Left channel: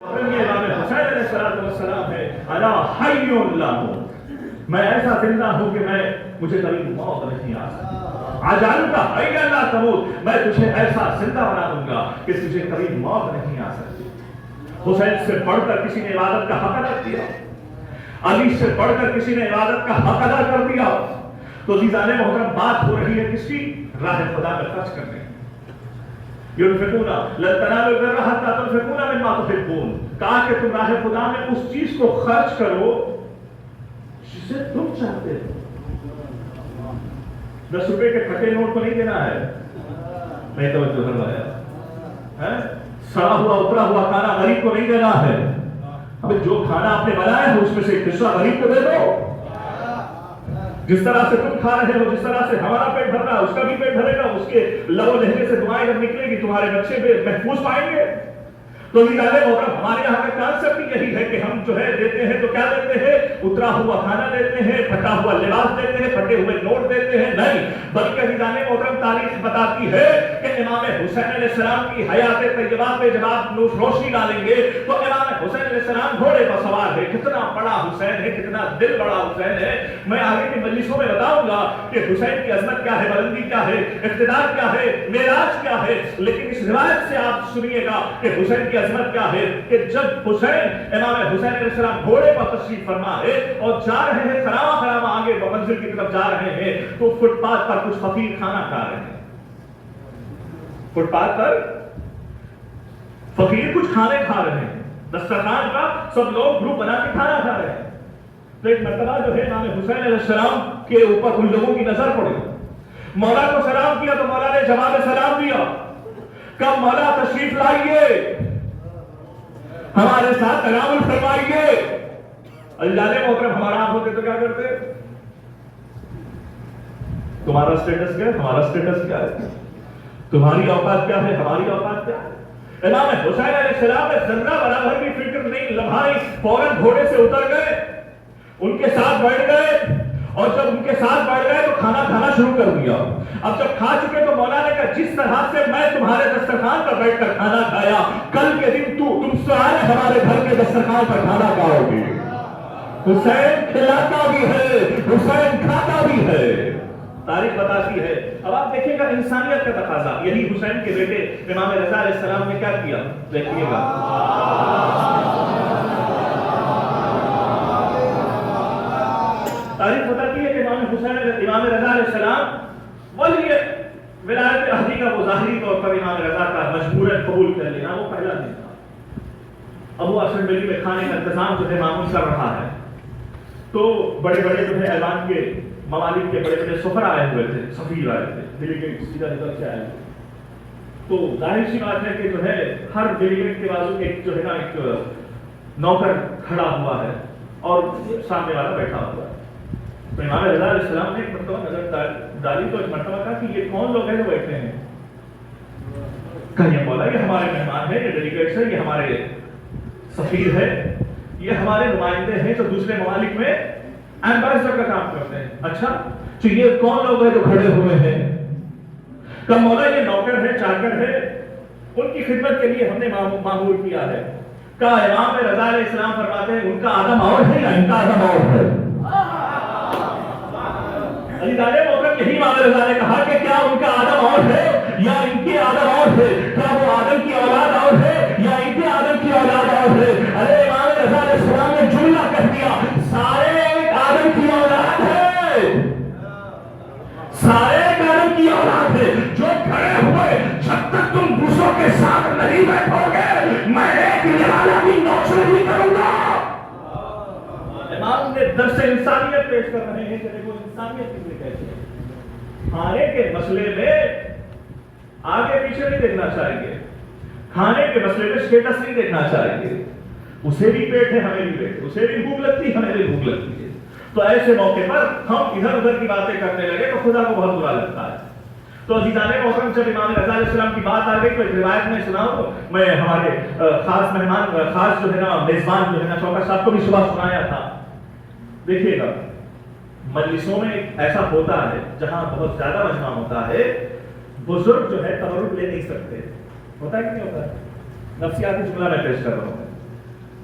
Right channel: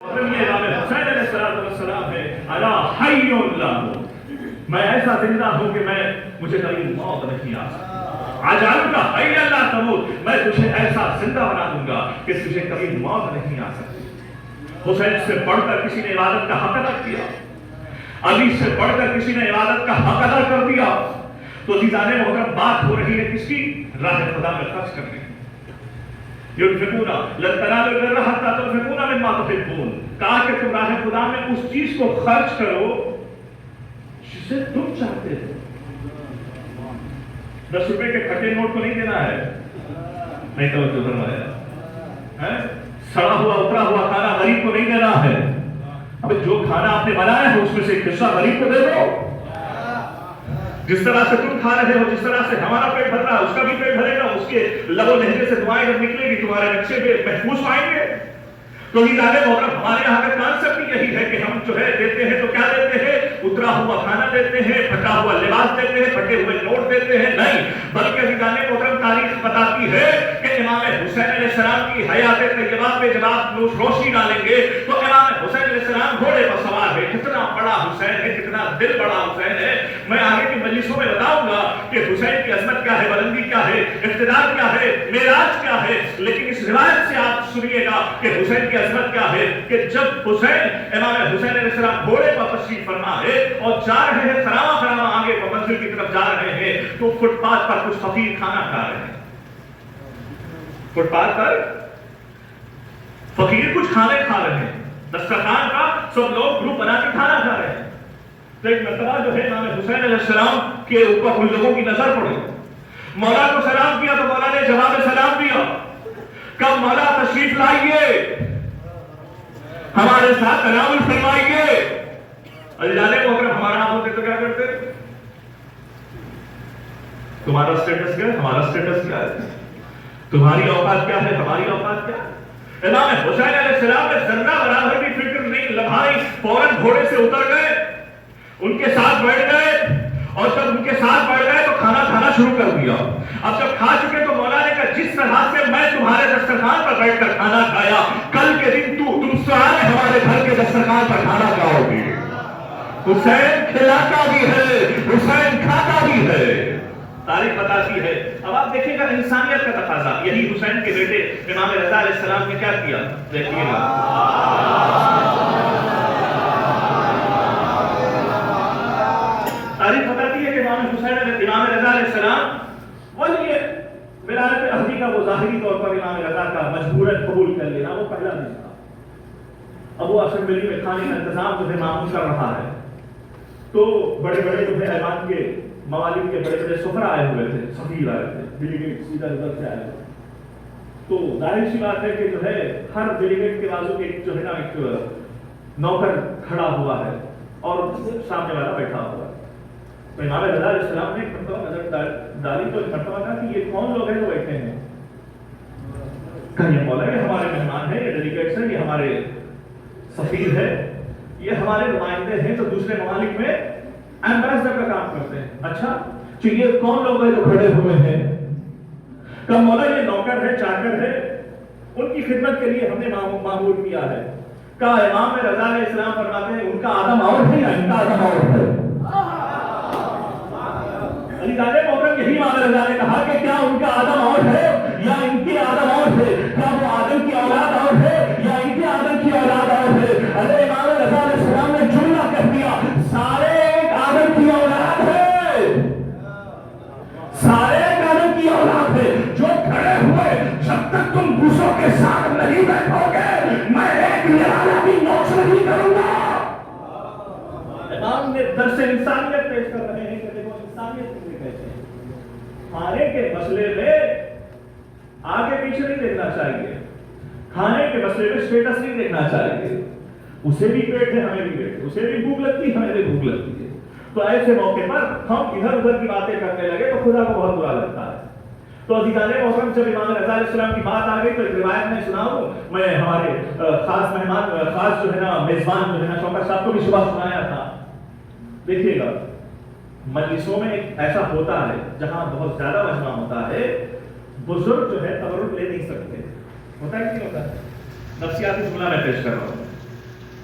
یہ امام حسین علیہ السلام ہے، الا حی اللہ، میں ایسا زندہ ہوں کہ مجھے کبھی موت نہیں آ سکتی، اجعلک حیا لا تموت، میں تجھے ایسا زندہ بنا دوں گا کہ تجھے کبھی موت نہیں آ سکتی۔ حسین سے بڑھ کر کسی نے عبادت کا حق ادا کیا، علی سے بڑھ کر کسی نے عبادت کا حق ادا کر دیا، تو عزیزان محترم بات ہو رہی ہے کس کی؟ راہ خدا میں خرچ کرنے کی۔ ينفقون لن تنالوا البر حتى تنفقوا مما تحبون، کہا کہ تم راہ خدا میں اس چیز کو خرچ کرو جسے تم چاہتے ہو۔ 10 روپے کے پھٹے نوٹ کو نہیں دینا ہے، نہیں توجہ فرمایا، سڑا ہوا اترا ہوا کھانا غریب کو نہیں دینا ہے، اب جو کھانا آپ نے بنایا ہے اس میں سے ایک حصہ غریب کو دے دو۔ جس طرح سے تم کھا رہے ہو، جس طرح سے ہمارا پیٹ بھر رہا ہے، اس کا بھی پیٹ بھرے گا، اس کے لب و لہجے سے دعائیں جب نکلے گی تمہارے بچے پہ محفوظ پائیں گے۔ تو محترم ہمارے یہاں کا کانسیپٹ یہی ہے کہ ہم جو ہے دیتے ہیں تو کیا دیتے ہیں؟ اترا ہوا کھانا دیتے ہیں، پھٹا ہوا لباس دیتے ہیں، پھٹے ہوئے نوٹ دیتے ہیں، نہیں، بلکہ محترم تاریخ بتاتی ہے کہ امام حسین علیہ السلام کی حیات طیبہ پہ جب آپ روشنی ڈالیں گے تو امام حسین علیہ السلام گھوڑے پر سوار ہے، کتنا بڑا حسین ہے، کتنا دل بڑا حسین ہے۔ میں آگے کی مجلسوں میں بتاؤں گا کہ حسین کی عظمت کیا ہے، بلندی کیا ہے، اقتدار کیا ہے، معراج کیا ہے، لیکن اس روایت سے آپ سنیے گا کہ حسین کی عظمت کیا ہے کہ جب حسین امام حسین علیہ السلام گھوڑے پر تشریف فرما ہے اور جا رہے ہیں خراما آگے منزل کی طرف جا رہے ہیں تو فٹ پاتھ پر کچھ فقیر کھانا کھا رہے ہیں، فٹ پاتھ پر فقیر کچھ کھانے کھا رہے ہیں، دسترخوان کا سب لوگ گروپ بنا کے کھانا کھا رہے ہیں۔ تو ایک مرتبہ جو ہے امام حسین علیہ السلام کے اوپر ان لوگوں کی نظر پڑی، مولا کو سلام کیا تو مولا نے جواب سلام دیا، کب مولا تشریف لائیے، ہمارے ساتھ تناول فرمائیے۔ اللہ محترم ہمارا آپ ہوتے تو کیا کرتے؟ تمہارا سٹیٹس کیا ہے، ہمارا سٹیٹس کیا ہے، تمہاری اوقات کیا ہے، ہماری اوقات کیا ہے۔ امام حسین علیہ السلام نے ذرہ برابر بھی فکر نہیں لمحائی، فوراً گھوڑے سے اتر گئے، ان کے ساتھ بیٹھ گئے، اور جب ان کے ساتھ بیٹھ گئے تو کھانا کھانا شروع کر دیا۔ اب جب کھا چکے تو مولا نے کہا جس طرح سے میں تمہارے دسترخوان پر بیٹھ کر کھانا کھایا، کل کے دن تم سارے ہمارے گھر کے دسترخوان پر کھانا کھاؤ گے۔ حسین کھلاتا بھی ہے، حسین کھاتا بھی ہے، تاریخ بتاتی ہے۔ اب آپ دیکھیں گا انسانیت کا تقاضا، یہی حسین کے بیٹے امام رضا علیہ السلام نے کیا کیا، دیکھیے گا۔ تاریخ بتاتی ہے کہ امام رضا علیہ السلام ولی ولایت عہدی کا وہ ظاہری طور پر امام رضا کا مجبوراً قبول کر لینا وہ پہلا نہیں تھا۔ اب وہ اسمبلی میں کھانے کا انتظام جو ہے معمول کر رہا ہے، تو بڑے بڑے جو ہے ایوان کے ممالک کے بڑے بڑے سفر آئے ہوئے تھے، سفیر آئے تھے، ڈیلیگیٹ سیدھا ادھر سے آئے ہوئے، تو ظاہر سی بات ہے کہ جو ہے ہر ڈیلیگیٹ کے بازو ایک جو ہے نا ایک نوکر کھڑا ہوا ہے اور سامنے والا بیٹھا ہوا ہے۔ تو امام رضا علیہ السلام نے ایک مرتبہ نظر ڈالی تو ایک مرتبہ کہا کہ یہ کون لوگ ہیں جو بیٹھے ہیں؟ کہیں بولا یہ ہمارے مہمان ہیں، یہ ڈیلیگیٹس ہیں، یہ ہمارے سفیر ہے، یہ ہمارے نمائندے ہیں جو دوسرے ممالک میں ایمبیسڈر کا کام کرتے ہیں۔ اچھا تو یہ کون لوگ ہیں جو کھڑے ہوئے ہیں؟ کہ مولا یہ نوکر ہے، چاکر ہے، ان کی خدمت کے لیے ہم نے معمور کیا ہے۔ کہ امام رضا علیہ السلام فرماتے ہیں ان کا آدم اور ہے یا ان کا آدم اور ہے؟ علی تعالیٰ محترم یہی امام رضا نے کہا کہ کیا ان کا آدم اور ہے یا ان کے آدم اور ہے؟ کیا وہ آدم کی اولاد اور ہے یا ان کے آدم کی اولاد اور ہے؟ ارے امام رضا علیہ السلام نے جملہ کہہ دیا، سارے ایک آدم کی اولاد ہے، سارے ایک آدم کی اولاد ہے۔ جو کھڑے ہوئے جب تک تم دوسروں کے ساتھ نہیں بیٹھو گے میں ایک نرالا بھی نوچ نہیں کروں گا۔ امام نے درس انسانیت پیش کر رہے ہیں کہ وہ انسانیت کیسے کہتے ہیں۔ کھانے کے مسئلے میں آگے پیچھے نہیں دیکھنا چاہیے، کھانے کے مسئلے میں اسٹیٹس نہیں دیکھنا چاہیے، اسے بھی پیٹ ہے ہمیں بھی پیٹ ہے، اسے بھی بھوک لگتی ہے ہمیں بھی بھوک لگتی ہے۔ تو ایسے موقع پر ہم ادھر ادھر کی باتیں کرنے لگے تو خدا کو بہت برا لگتا ہے۔ تو عزیزان محترم جب امام رضا علیہ السلام کی بات آ گئی تو ایک روایت میں سناؤں، میں ہمارے خاص مہمان خاص جو ہے نا میزبان جو ہے نا شوکت صاحب کو بھی صبح سنایا تھا۔ دیکھیے گا مجلسوں میں ایک ایسا ہوتا ہے جہاں بہت زیادہ مجمع ہوتا ہے، بزرگ جو ہے تبرک لے نہیں سکتے، ہوتا ہے کہ نہیں ہوتا ہے؟ نفسیاتی جملہ میں پیش کر رہا ہوں،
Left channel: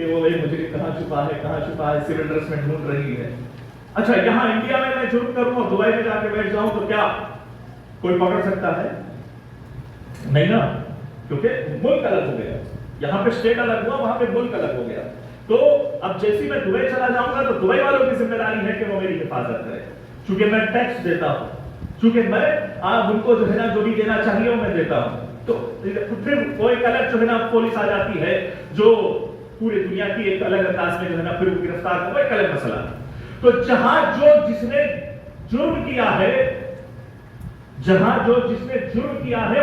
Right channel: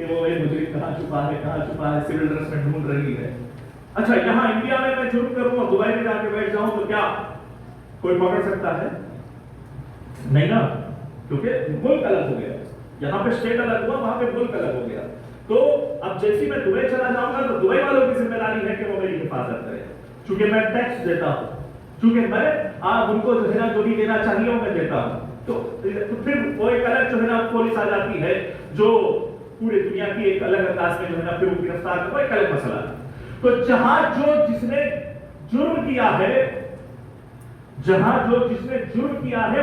کہ وہ ایک مجرم کہاں چھپا ہے سول ڈریس میں ڈھونڈ رہی ہے. اچھا یہاں انڈیا میں جرم کروں اور دبئی میں جا کے بیٹھ جاؤں تو کیا کوئی پکڑ سکتا ہے؟ نہیں نا, کیونکہ ملک الگ ہو گیا. یہاں پہ اسٹیٹ الگ ہوا, وہاں پہ ملک الگ ہو گیا. تو اب جیسے میں دبئی چلا جاؤں گا تو دبئی والوں کی ذمہ داری ہے کہ وہ میری حفاظت کرے, چونکہ میں ٹیکس دیتا ہوں, چونکہ میں آپ ان کو جو ہے نا جو بھی دینا چاہیے وہ میں دیتا ہوں. تو پھر وہ ایک الگ جو ہے نا پولیس آ جاتی ہے جو پوری دنیا کی ایک الگ انداز میں جو ہے نا پھر وہ گرفتار کرو, ایک الگ مسئلہ ہے. تو جہاں جو جس نے جرم کیا ہے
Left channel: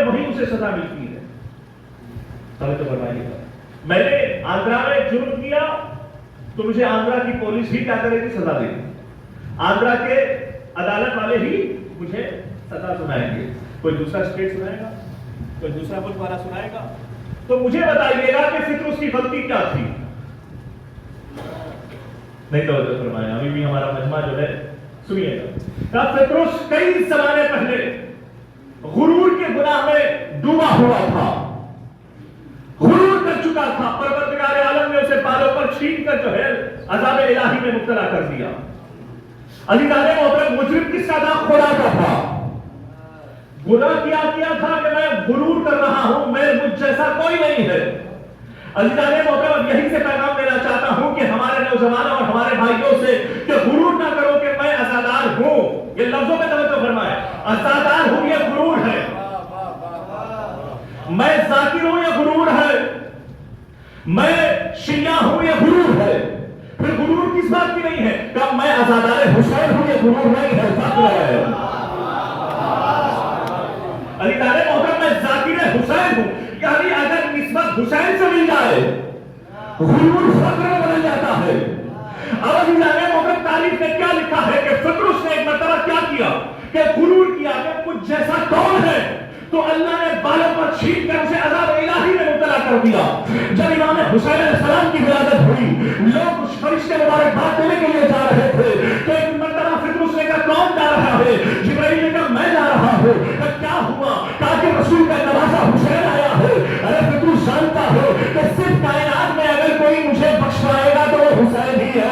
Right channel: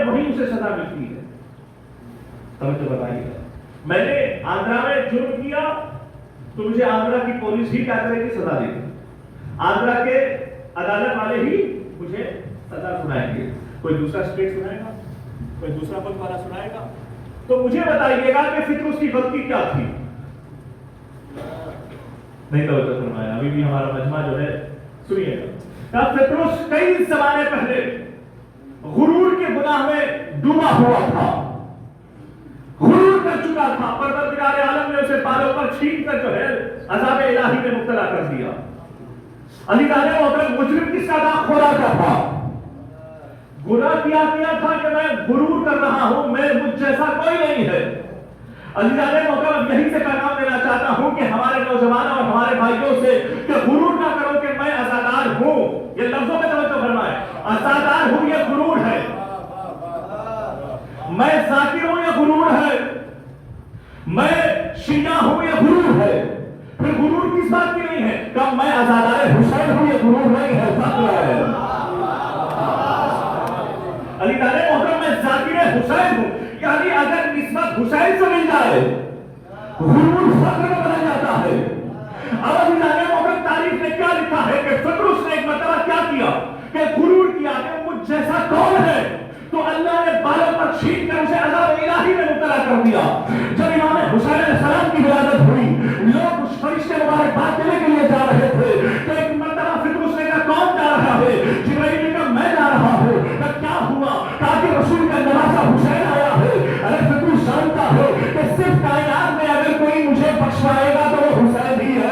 وہی اسے سزا ملتی ہے. توجہ فرمائیے, میں نے آگرہ میں جرم کیا تو مجھے آگرہ کی پولیس ہی کیا کرے گی؟ سزا دے گی. آگرہ کے عدالت والے ہی مجھے سزا سنائیں گے. کوئی دوسرا اسٹیٹ سنائے گا, کوئی دوسرا ملک والا سنائے گا؟ تو مجھے بتائیے گا کہ فطر اس کی غلطی کیا تھی؟ نہیں توجہ فرمایا. ابھی بھی ہمارا مجمع جو ہے سنیے گا. فطرس کئی زمانے پہلے غرور کے گناہ میں ڈوبا ہوا تھا, غرور کر چکا تھا. پروردگار عالم نے اسے بالوں پر چھین کر جو ہے عذاب الہی میں مبتلا کر دیا. علی تعالیٰ محترم مجرم کس کا تھا؟ خدا کا تھا. گناہ کیا تھا کہ میں غرور کر رہا ہوں, میں مجھ جیسا کوئی نہیں ہے. علی تعالیٰ محترم یہی سے پیغام دینا چاہتا ہوں کہ ہمارے نوجوانوں اور ہمارے بھائیوں سے کہ غرور نہ کرو کہ میں عزادار ہوں. یہ لفظوں میں توجہ فرمائے, عزادار ہوں یہ غرور ہے. میں ذاکر ہوں یہ غرور ہے. میں شیعہ ہوں یہ غرور ہے. پھر غرور کس بات کی نہیں ہے؟ کہ میں عزادار حسین ہوں یہ غرور نہیں ہے, فخر ہے. علی تعالیٰ محترم میں ذاکر حسین ہوں, یعنی اگر نسبت حسین سے مل جائے غرور فخر میں بدل جاتا ہے. اب علی تعالیٰ محترم تاریخ میں کیا لکھا ہے کہ فطرس نے ایک مرتبہ کیا کیا کہ غرور کیا کہ مجھ جیسا کون ہے, تو اللہ نے بالوں پر چھین کر اسے عذاب الہی میں مبتلا کر دیا. جب امام حسین علیہ السلام کی ولادت ہوئی, لوگ اس فرشتے مبارکباد دینے کے لیے جا رہے تھے. تو ایک مرتبہ فطرس نے کہا کون جا رہا ہے؟ جبرائیل نے کہا میں جا رہا ہوں. کیا ہوا؟ کہا کہ رسول کا جنازہ حسین آیا ہے. ارے فطرس جانتا ہے کہ صرف کائنات میں اگر کوئی مجھے بخشوائے گا تو وہ حسین ہی ہے.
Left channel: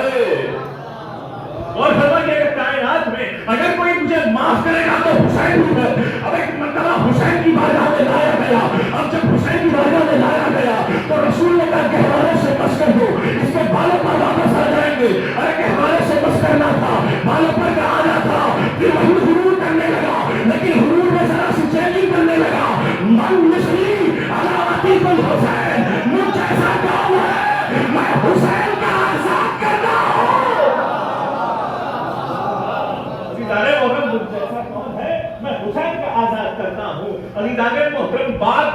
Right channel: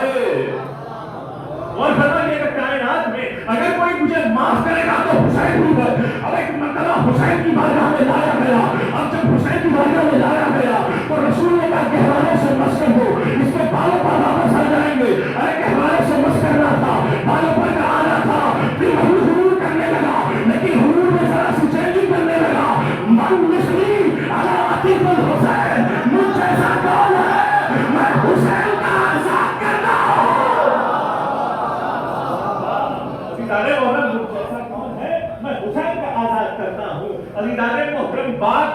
اور فرمائیے کہ کائنات میں اگر کوئی مجھے معاف کرے گا تو حسین ہی ہے. اور ایک مرتبہ حسین کی بارگاہ میں لایا گیا. اب جب حسین کی بارگاہ میں لایا گیا تو رسول نے کہا کہ ہمارے سے مس کر دو, اس کے بالوں پر واپس آ جائیں گے. ارے کہ ہمارے سے مس کرنا تھا, بالوں پر آنا تھا. پھر وہی حضور کرنے لگا, لیکن حضور میں ذرا سی چینجنگ کرنے لگا. من نسلی علامتی کل حسین, مجھ جیسا کون ہے؟ میں حسین کا آزاد کرتا ہوں. ستارے محرم مجھ جیسا کون ہے؟ میں حسین کا آزاد کرتا ہوں. علی داغ محرم بات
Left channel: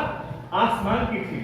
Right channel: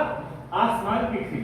آسمان کی تھی,